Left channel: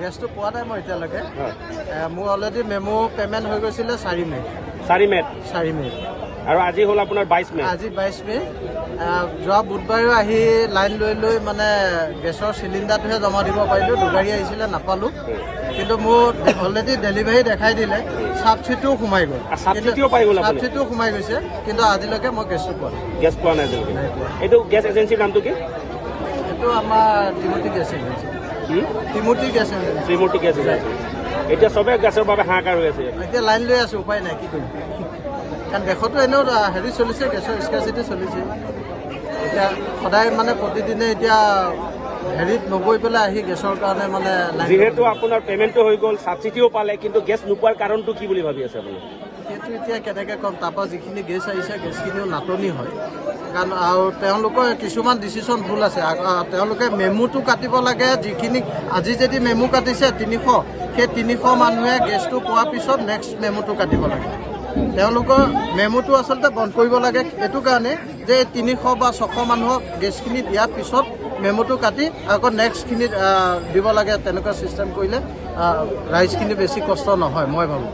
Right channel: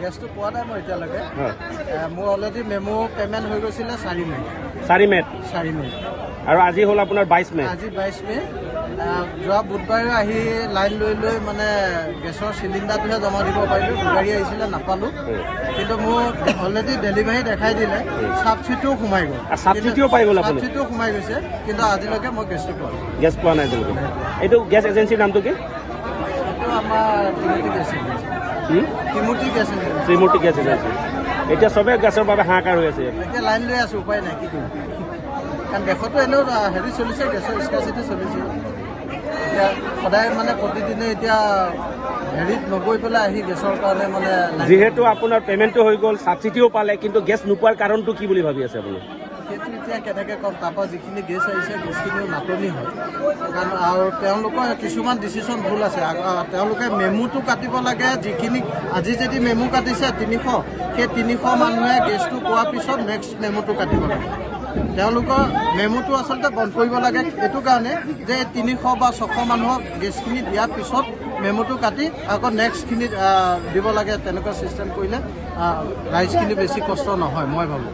গেছটো পোৱা নাই মই এতিয়ালৈকে মোৰ অলৰেডি মেমো পে'মেণ্ট হৈ গৈছিলে 4 মে 4 মে আৰু আজি হ'ল আপোনাৰ 22 মে আজি 22 মে যোৱা বুধবাৰে আহি লাইন লৈ মানে গেছৰ চিলিণ্ডাৰটোহে জমা দিব পাৰিলোঁ দুগাড়ী আহিছিলে নাপালোঁ কিন্তু মোৰ অলৰেডি ডেলিভাৰী দেখাই দিলে ছাবচিডিও সোমাই গ'ল ছাবচিডিও সোমাই গৈছে কিন্তু আজিলৈকে মই গেছটো পোৱা নাই এইটো গেছ এজেঞ্চিৰ নামটো কি এইটো আমাৰ Trimurti gas agency Trimurti gas agency এতিয়া চবে গেছৰ বাবে হাহাকাৰ হৈ আছে এতিয়া লাইন লৈ আছোঁ উপায় নাই কি কৰিম কাৰণ দেশতো এনেও হেৰি চলিছে গেছৰ স্কাৰচিটি চলিছে এতিয়া সদায় মানে প্ৰতিদিনে এতিয়া হেৰিত নগৈ পেলাই আহি গেছৰ কাৰণে মানে যিহেতু আপোনাৰ পে'মেণ্টটো হৈ গ'ল ছাবচিডিও পালে কিন্তু গেছ নোপোৱাৰ কাৰণটো কি বুলি ভাবি আছে আপুনি সেইটো এতিয়া কেনেকৈ ক'ম তাৰপৰা যিখিনি গেছ আহিছে গেছখিনিও নাটনি হয় কাৰণ আৰু তেওঁলোকৰ কিছুমান ডিচিশ্যন ভুল আছে তেওঁলোকে মেমুটো কাটিব লাগে যিখিনি আজি যদি মেমু কাটিছে 300 সেই 300 মানুহে গেছটো পোৱাৰ পিছত নেক্সট মেমুটো কাটিব লাগে তেওঁলোকৰ মেমুটো আচলতে বন্ধ কৰিব লাগে এইটো কাৰণে যে 300 বা 600 মানুহক গেছখিনি দিয়াৰ পিছত মেমুটো কাটি আকৌ নেক্সটখিনি দিব লাগে তেনেকুৱা ছিষ্টেম কৰিলে ৰাইজখিনি বেছি কষ্ট নহয় মই ভাবোঁ